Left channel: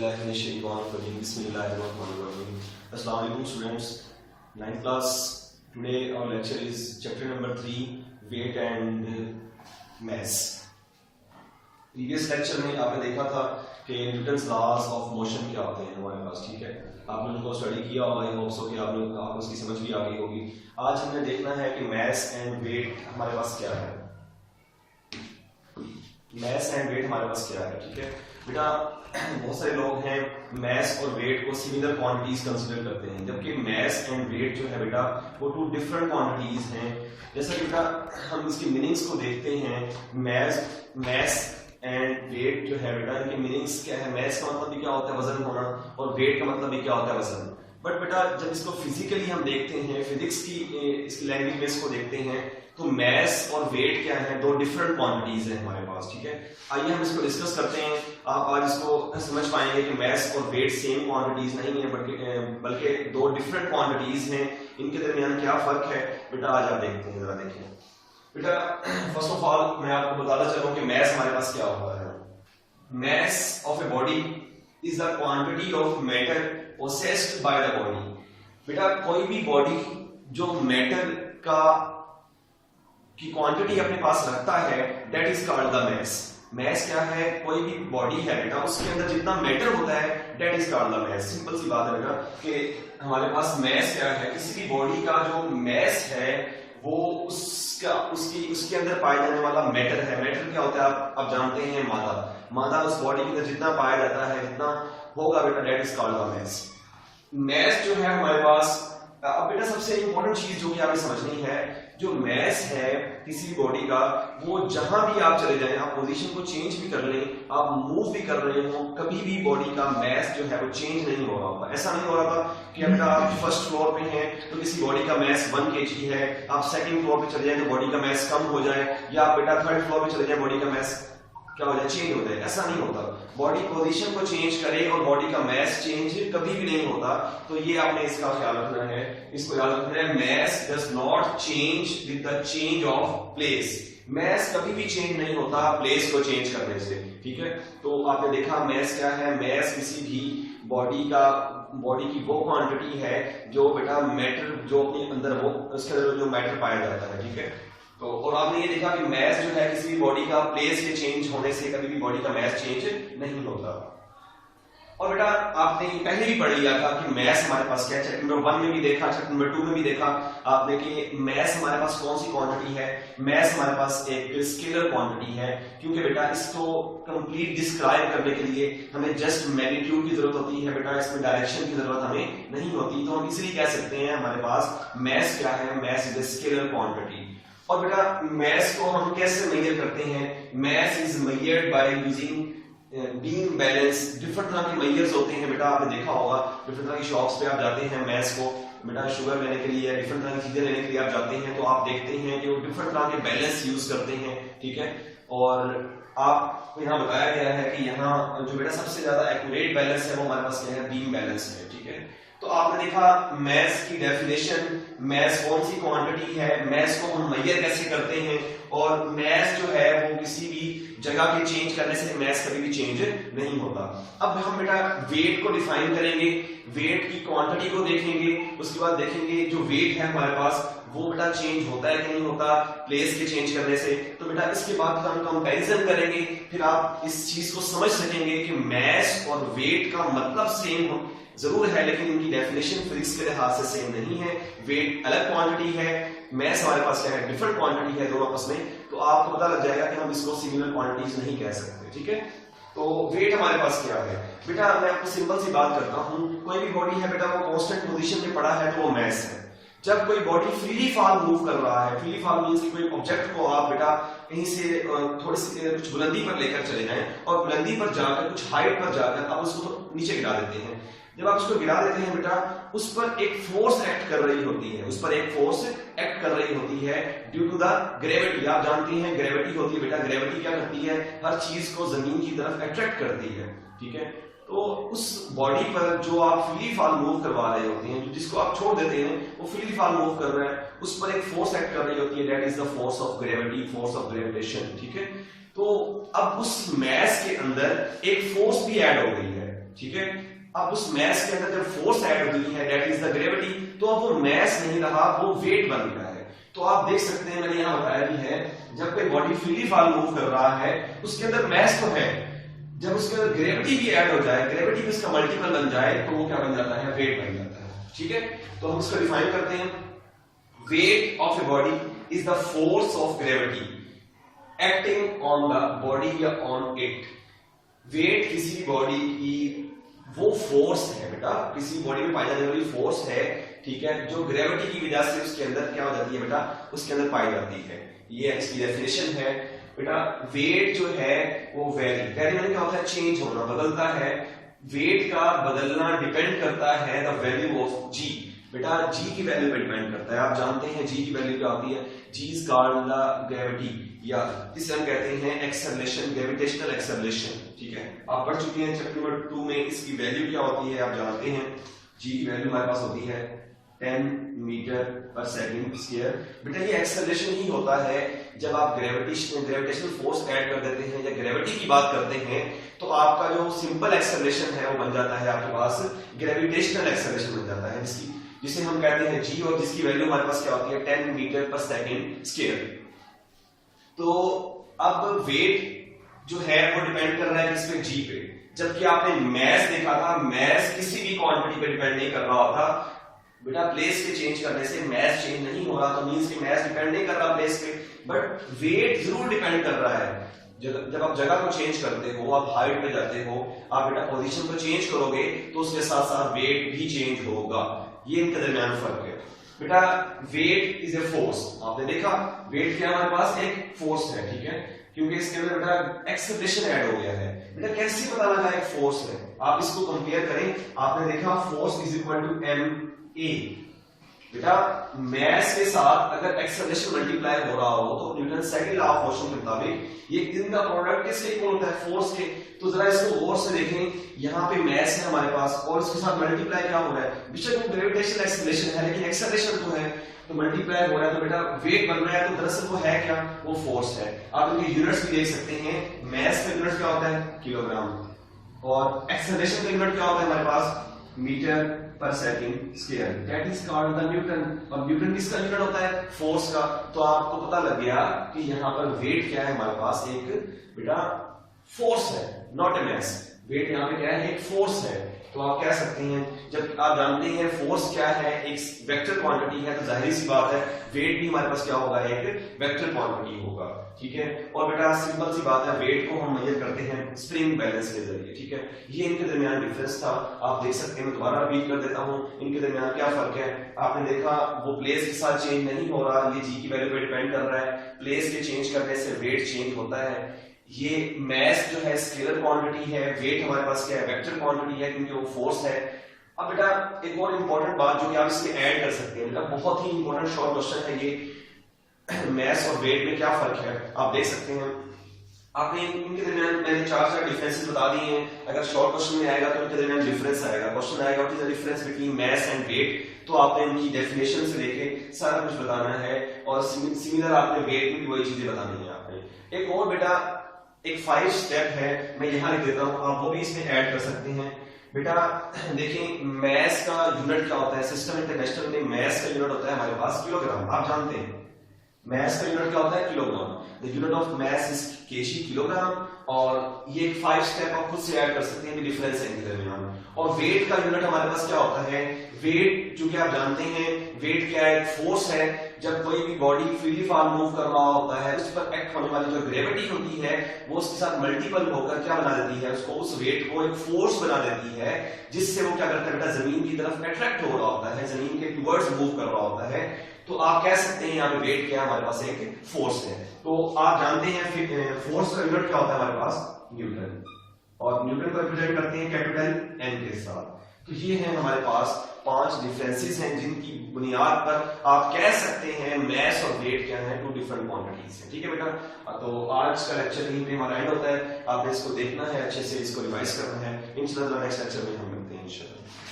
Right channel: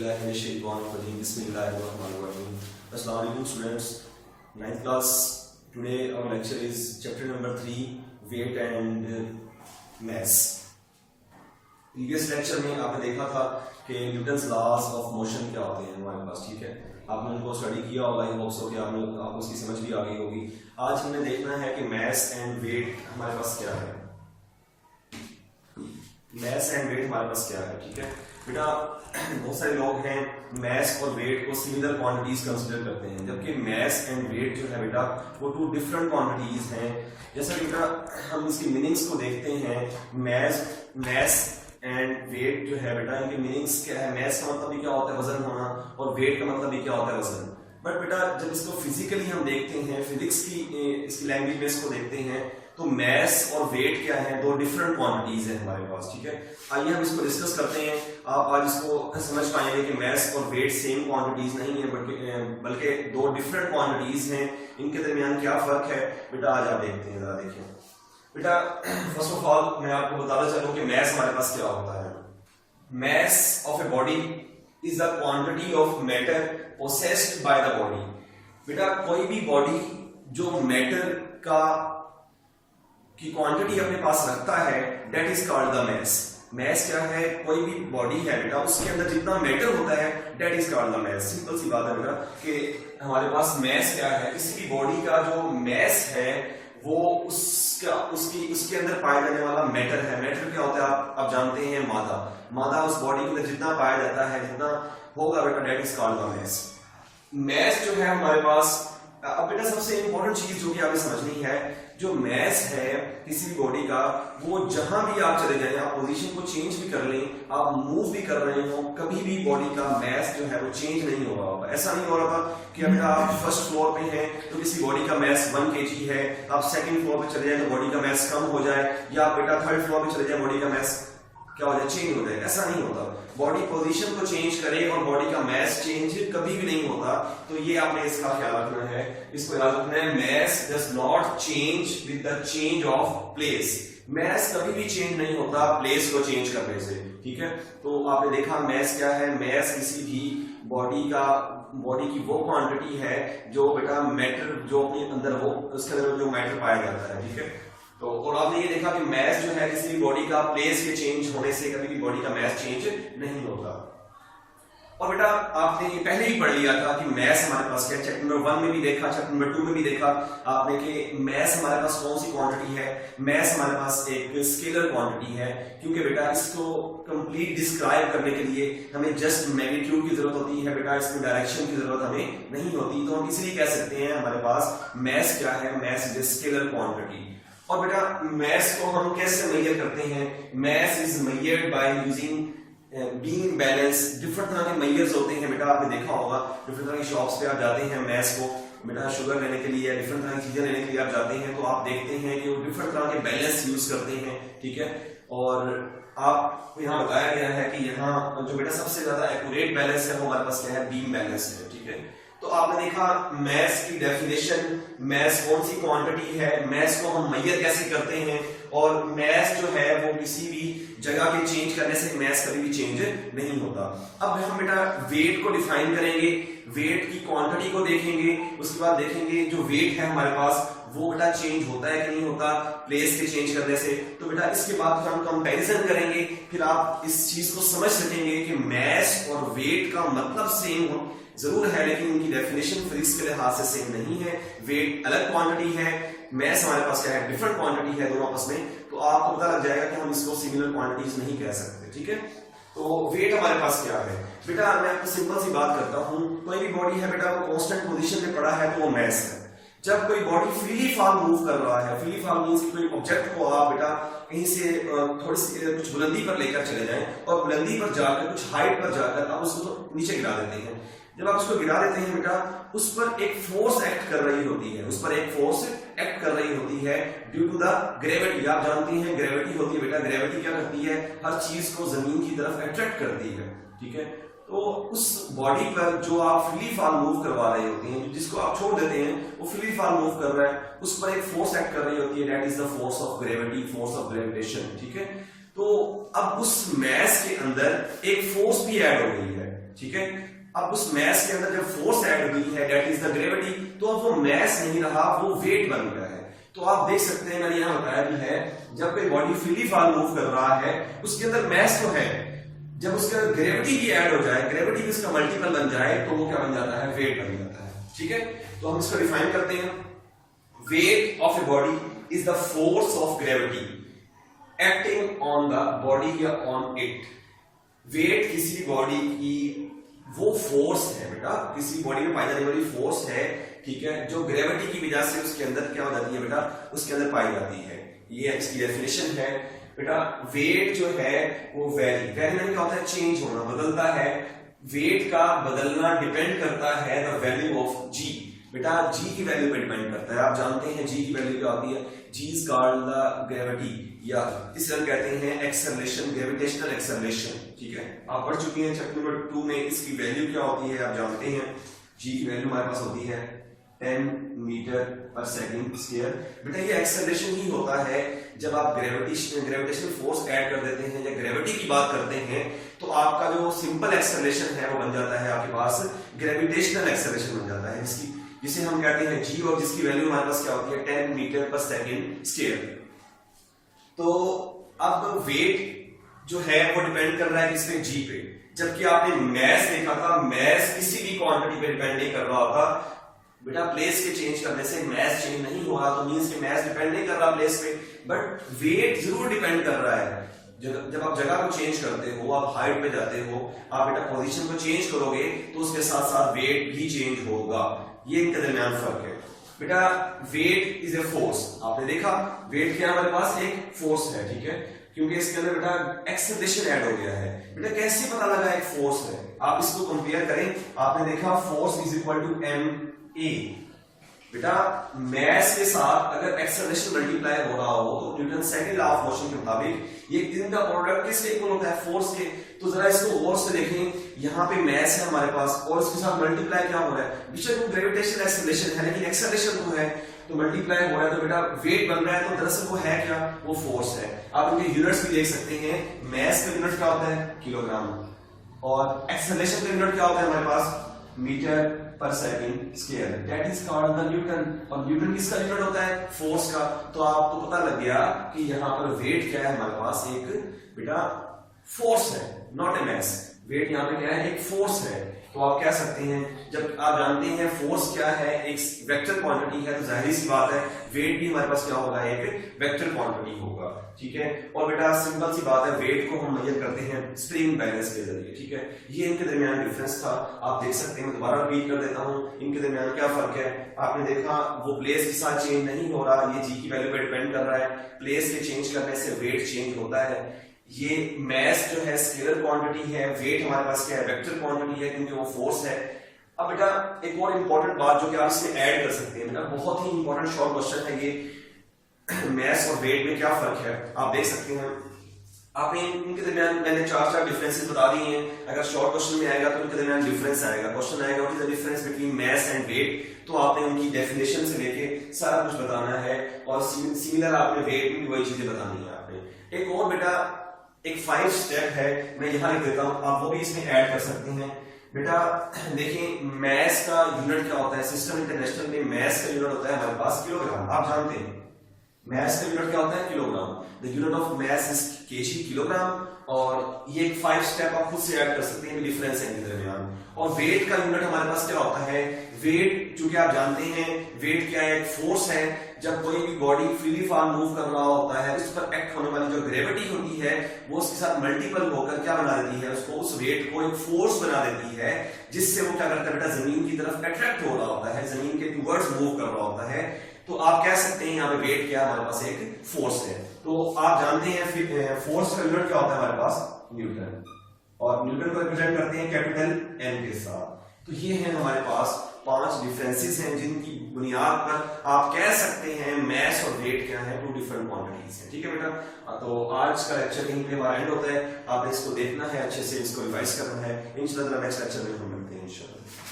Bismillahirrahmanirrahim. Assalamu alaikum students. 9th class. Today our lecture is chapter number 3, weight and mass. Previous lecture में आपने देखा था कि Newton's laws of motion क्या होते हैं हमारे पास, ठीक है। आपने उनको स्टडी किया होगा, आई होप सो कि आपको उसकी समझ भी आ गई होगी। आज हमने देखना है कि मैस एंड वेट हमारे पास क्या है। मैस एंड वेट हमारे पास क्या है, ठीक है बेटा। बहुत सारे लोग हैं मैस और वेट को सिमिलर क्वांटिटीज कंसीडर करते हैं, जबकि मैस एंड वेट जो है बेटा वो टू डिफरेंट क्वांटिटीज हैं। जैसा कि बेटा हम इसकी मीनिंग्स को देखते हैं, मैस एंड वेट जो है बेटा इनकी मीनिंग्स क्या है। मैस का मतलब भी क्या होता है, वजन होना, और वेट का मतलब भी क्या होता है, वजन। बट बेटा जब इसको फिजिकली हम देखते हैं, फिजिक्स की इसकी लैंग्वेज में इसको देखते हैं, तो मैस और वेट क्या है, दो डिफरेंट क्वांटिटीज हैं हमारे पास, ठीक है। आइए हम इसको डिस्कस करते हैं। आप आज इसको समझ पाएंगे कि मैस और वेट सेम क्वांटिटीज नहीं है, बल्कि दो डिफरेंट क्वांटिटीज हैं। इनके दरमियान क्या फर्क है बेटा, आज आप देखते हैं, जरा देखिए बेटा। फर्स्ट ऑफ ऑल मैं आपको बताता चलूं कि मैस हमारे पास क्या होता है। Mass of a body is the quantity of matter possessed by the body. बेटा कोई भी बॉडी जो मैटर की क्वांटिटी अपने पास रखता है, that is called the mass. Mass क्या है, कोई भी बॉडी है बेटा उसके अंदर जितना मैटर होता है, that is called the mass. Simple सी बात है बेटा कि हमारे पास मैस क्या है, किसी भी बॉडी का जो मैस है वो उसके अंदर पाया जाने वाला मैटर है। मैटर क्या होता है आप जानते हैं, मादा उस बॉडी के अंदर जितना पाया जाता है, जितना होगा बेटा, that is called the mass. Mass जो है हमारे पास, अब बेटा सबसे इंपॉर्टेंट चीज जो कि आपने समझनी है, जो मैस है किसी बॉडी का, वो जहां भी आप चले जाएं, आप पोजीशन को चेंज भी कर लें, आप मूव भी कर रहे हो, कभी भी बॉडी का मैस जो है वो चेंज नहीं हो रहा होगा। ऐसा नहीं हो रहा था कि बेटा आप फर्स्ट फ्लोर पे हैं तो किसी बॉडी का मैस 1 kg है, आप सेकंड फ्लोर पे चले जाएं तो बॉडी का मैस कम हो जाए, या आप बेटा थर्ड फ्लोर पे चले जाए बॉडी का मैस क्या हो जाए, चेंज हो जाए। ऐसा नहीं होता। बॉडी पोजीशन को चेंज करे और बॉडी का मैस चेंज कभी भी नहीं होता। तो ये आपने इसका ख्याल रखना है, इसको याद रखना है। Mass does not change with the change of place. Mass कभी भी चेंज नहीं होता प्लेस को चेंज करने से, ठीक है। तो आपने देखा मैस क्या है, मैस किसी भी बॉडी की वो क्वांटिटी है जो बेटा मैटर जो अपने अंदर वो उसके अंदर जो मैटर पाया जाता है, ठीक है। तो और आपने ये देखा कि मैस जो है किसी भी बॉडी का प्लेस के चेंज होने से कभी भी बॉडी का मैस चेंज नहीं होता। और बेटा आपने पहले ही पढ़ लिया था कि मैस हमारे पास क्या है, चैप्टर नंबर 1 में भी देखा, चैप्टर नंबर 2 में भी देखा आपने कि मैस हमारे पास कौन सी क्वांटिटी है। मैस हमारे पास एक स्केलर क्वांटिटी है, क्योंकि बेटा इसको कंप्लीट डिस्क्राइब करने के लिए हमें जस्ट मैग्नीट्यूड की जरूरत होती है बेटा, इसमें डायरेक्शन की जरूरत हमें नहीं होती। तो हम इसलिए कह सकते हैं हमारे पास मैस क्या है, mass is a scalar quantity. और बेटा मैस को हम कैसे मेजर करते हैं, mass is measured by using beam balance. Different तरह के मेजर्स होते हैं बेटा, आपने देखा होगा डिफरेंट तरह की शॉप्स पे आप जाते हैं मैस को बेटा शुगर लेने के लिए या डिफरेंट तरह की चीजें लेने के लिए आप जाते हैं, तो आप देखते हैं कि वो डिफरेंट तरह के बैलेंस यूज करते हैं, ठीक है। और आपको यहाँ बताया गया है कि यहाँ जो बेटा सबसे ज्यादा एक्यूरेट बैलेंस है वो हमारे पास क्या है, बीम बैलेंस है, ठीक है। तो आपने देखा मैस की डेफिनेशन, मैस कौन सी क्वांटिटी है, मैस को हम मेजर कैसे करते हैं, और मैस जो है वो किसी भी जगह के चेंज करने से मैस कभी भी चेंज नहीं होता। अब हम बेटा वेट को डिफाइन करेंगे, वेट की क्वांटिटी को देखेंगे, उसके बाद देखेंगे जो वेट है हमारे पास वो बेटा चेंज होता है कि नहीं होता प्लेस के चेंज करने से। तो बेटा इसके बाद हम कंपैरिजन करेंगे, फिर आप इस चीज को समझ सकेंगे कि मैस और वेट का मतलब सेम जरूर है, लेकिन इनकी डेफिनेशन फिजिक्स के लिहाज से सेम नहीं है। वेट अलग क्वांटिटी है, मैस हमारे पास क्या है, डिफरेंट क्वांटिटी है दोनों आपस में। तो आपको पता लग जाएगा कि हम इसको सिमिलर क्वांटिटीज नहीं कह सकते, ठीक है। तो वेट हमारे पास क्या है बेटा, मैं आपको सिंपल सी बात करता हूं। कोई भी बॉडी है बेटा वो कांस्टेंट पोजीशन में पड़ा है तो वो मैस है। जब कोई बॉडी फ्रीली फॉल मूव कर रहा है, फ्रीली फॉल मींस कोई ऑब्जेक्ट को आप बेटा कहीं से थोड़ी सी कुछ बुलंदी पर लेकर चले जाएं और बुलंदी पर जाकर कुछ हाइट पर जाकर आप उसको नीचे गिरा देते हैं। जब आप उसको गिरा देते हैं बेटा उस पर एक फोर्स एक्ट कर रही होती है, ड्यू टू द ग्रेविटी। आप जानते हैं ग्रेविटी होती है बेटा, ग्रेविटी क्या करती है, हर चीज को जमीन की तरफ अट्रैक्ट करती है, ठीक है। तो उस बॉडी पर जो आप फ्री फॉल मूव करवा रहे होते हैं, जिसको आप छोड़ देते हैं वो फ्री फॉल मूव कर रहा है, उस पर एक फोर्स एक्ट कर रही होती है, that is the force of gravity, force of gravitation, ठीक है। तो अब उस मैस के अंदर एक फोर्स भी ऐड हो गई है, ठीक है। अब उस मैस के अंदर जब फोर्स ऐड होती है दैट इज द ग्रेविटी, तो अब वो मैस नहीं रहा, वो वेट बन गया है। तो आप देख सकते हैं, मैंने यहां बताया भी है, जब कोई बॉडी फ्रीली फॉल मूव कर रहा है उसके अंदर मैस तो है, जब उसके अंदर ग्रेविटी भी ऐड हो जाए, ग्रेविटी भी उसका मल्टीपल बन जाए, तो वो क्या बन जाता है, वेट बन जाता है। ठीक है, तो हम इसको डिफाइन करते हैं, weight of a body is the force of gravity acting on the body या ऑन इट। वेट किसी बॉडी की वो फोर्स है बेटा, किसी बॉडी में पाई जाने वाली फोर्स है, ठीक है, जो ग्रेविटी की वजह से उसके अंदर क्या हो जाती है बेटा, उसके अंदर पाई जाती है। ये इसकी डेफिनेशन है बेटा। वेट जो है वो वेरी मैंने क्या होता है, चेंज होना, बदलता है। वेट का बदलना डिपेंड करता है द वैल्यू ऑफ जी। बेटा जी की वैल्यू पे डिपेंड करता है। आप जानते हैं जी की वैल्यू क्या होती है, जी इज कॉल्ड द ग्रेविटी, या इसे हम कहते हैं एक्सेलरेशन, ग्रेविटेशनल एक्सेलरेशन। ठीक है, आप पढ़ चुके हैं चैप्टर नंबर 2 में, इसकी वैल्यू क्या होती है आप जानते हैं। जी की वैल्यू हमारे पास होती है 10 मीटर पर सेकंड स्क्वायर। बेटा ये एक्सेलरेशन ही होता है जब आप ग्रेविटेशनल फोर्स ऐड कर देते हैं या ग्रेविटी की बात करते हैं, तो आपका जो सिंपल एक्सेलरेशन है वो बन जाता है आपके पास ग्रेविटेशनल एक्सेलरेशन बन जाता है, जिसे हम कहते हैं जी, और जिसकी वैल्यू हमारे पास क्या होती है 10 मीटर पर सेकंड स्क्वायर। तो अब वेट जो है वो डिपेंड कर रहा है किस पे, जी पे। जबकि आपने मैस देखा था, मैस किसी भी क्वांटिटी पे डिपेंड नहीं कर रहा था बेटा। प्लेस के चेंज करने से मैस चेंज नहीं हो रहा, तो मींस कि मैस डिपेंड नहीं कर रहा प्लेस पे, बट वेट जरूर डिपेंड कर रहा है। जब आप जगह को चेंज करते हो, आप हाइट पे जाते हो, आप बेटा पोजीशन को चेंज करोगे, तो उसके साथ साथ वेट भी चेंज होगा। ये इनके दरमियान फर्क है बेटा। वेट इज ए फोर्स, आपने देखा वेट क्या हमारे पास एक फोर्स है, ठीक है, क्योंकि इसके अंदर बेटा एक्सेलरेशन ऐड हो गया है। बेटा कैसे पता लगा एक फोर्स है, आप इसको कंपेयर करें। आपने देखा force is equal to M A. बेटा मैस के साथ अगर एक्सेलरेशन मल्टीप्लाई हो रहा हो, तो Newton second law of motion के मुताबिक ये इनका प्रोडक्ट किसके इक्वल होता है, फोर्स के। तो जरा इसको गौर से देखें, यहाँ पे मैस है हमारे पास और इसके साथ मल्टीप्लाई क्या हो रहा है, बेशक वो ग्रेविटेशनल एक्सेलरेशन है लेकिन एक्सेलरेशन तो है, तो मल्टीप्लाई हो रहा है, तो बेटा वेट बन रहा है। तो दरअसल वो है क्या, वो फोर्स है। आप इनके यूनिट्स भी देख सकते हैं, मैस का यूनिट क्या होता है, किलोग्राम, और एक्सेलरेशन का यूनिट क्या होता है हमारे पास, मीटर पर second square, that is called the Newton. और न्यूटन किसका यूनिट होता है, फोर्स का। तो आपको पता लग गया कि यहाँ पर वेट क्या है हमारे पास, एक बेटा फोर्स है, नॉट ए मैस। वेट यहाँ पे क्या है, एक फोर्स है। तो आप कह सकते हैं, जब आप जानते हैं फोर्स क्या है, एक वेक्टर क्वांटिटी है, तो जाहिर सी बात है वेट भी हमारे पास क्या होगा, एक वेक्टर क्वांटिटी होगा। ठीक है, और बेटा सिंपल सी बात है, वेट को हम मेजर करते हैं स्प्रिंग बैलेंस के जरिए। ठीक है, ये इनके दरमियान डिफरेंस था, आप देख सकते हैं। मैं दोबारा रिपीट कर देता हूँ, इनके दरमियान क्या फर्क है। आपने देखा वो प्लेस के साथ चेंज नहीं हो रहा, ये जी की वैल्यू पर डिपेंड कर रहा है। प्लेस के चेंज करने से वेट चेंज होता है। ये मैस जो है स्केलर क्वांटिटी है, वेट हमारे पास क्या है, वेक्टर क्वांटिटी है, क्योंकि वो फोर्स है। अब बेटा एक और इंपॉर्टेंट बात जो कि आप इसमें ऐड कर सकते हैं, बेटा बहुत ही इंपॉर्टेंट शॉर्ट क्वेश्चन है ये, मैस और वेट में क्या फर्क है आप देख सकते हैं। आपने इनके दरमियान मैंने चार डिफरेंसेस बता दिए हैं। अगर शॉर्ट क्वेश्चन में आएगा तो इनके दरमियान डिफरेंस आएगा। क्वेश्चन आएगा what is the difference between mass and weight, तो आपने उनकी डेफिनेशन से लेके सारा कुछ बताना है, और सिमिलर आपने वेट में भी वही चीजें बतानी है आपने। एक और बेटा एक 5 स्टेप है, मैं यहाँ लिख देता हूँ, आप वो भी इसमें ऐड कर सकते हैं। बेटा देखिए मैस का यूनिट क्या होता है, सिस्टम इंटरनेशनल में मैस का यूनिट होता है हमारे पास किलोग्राम। आप जानते हैं मैस का यूनिट क्या होता है, kilogram. The unit of mass is KG, kilogram. और ये एक 5 स्टेप आप खुद से ऐड कर सकते हैं, डिफरेंस है इनके दरमियान। और वेट का यूनिट हमारे पास क्या होता है, वेट चूंकि आप जानते हैं वेट क्या है, एक फोर्स है। जब कोई भी बॉडी फ्रीली फॉल मूव कर रहा होता है, उस पर एक्ट होने वाली जो ग्रेविटी होती है वो उसके साथ मल्टीपल होकर क्या बना देती है, उसको उस वेट को एक फोर्स बना देती है, जिससे वो क्या करता है बेटा, जमीन की तरफ अट्रैक्ट हो रहा होता है, जमीन के टुवर्ड्स मूव कर रहा होता है। तो आप कह सकते हैं यहाँ पे वेट क्या हमारे पास एक फोर्स है। तो आप जानते हैं फोर्स का यूनिट क्या होता है हमारे पास, न्यूटन, और न्यूटन को रिप्रेजेंट करते हैं कैपिटल एन के साथ। तो ये है हमारे पास 5 डिफरेंसेस हैं, जिनकी बुनियाद पर आप कह सकते हैं मैस और वेट क्या है, 2 डिफरेंट क्वांटिटीज हैं। ठीक है बेटा, तो आज का लेक्चर यहीं पे हमारा एंड होता है। आपने इसको देखना है, अच्छे से इसको रिवाइज करना है। इंशाल्लाह नेक्स्ट लेक्चर में हम मिलते हैं इंशाल्लाह।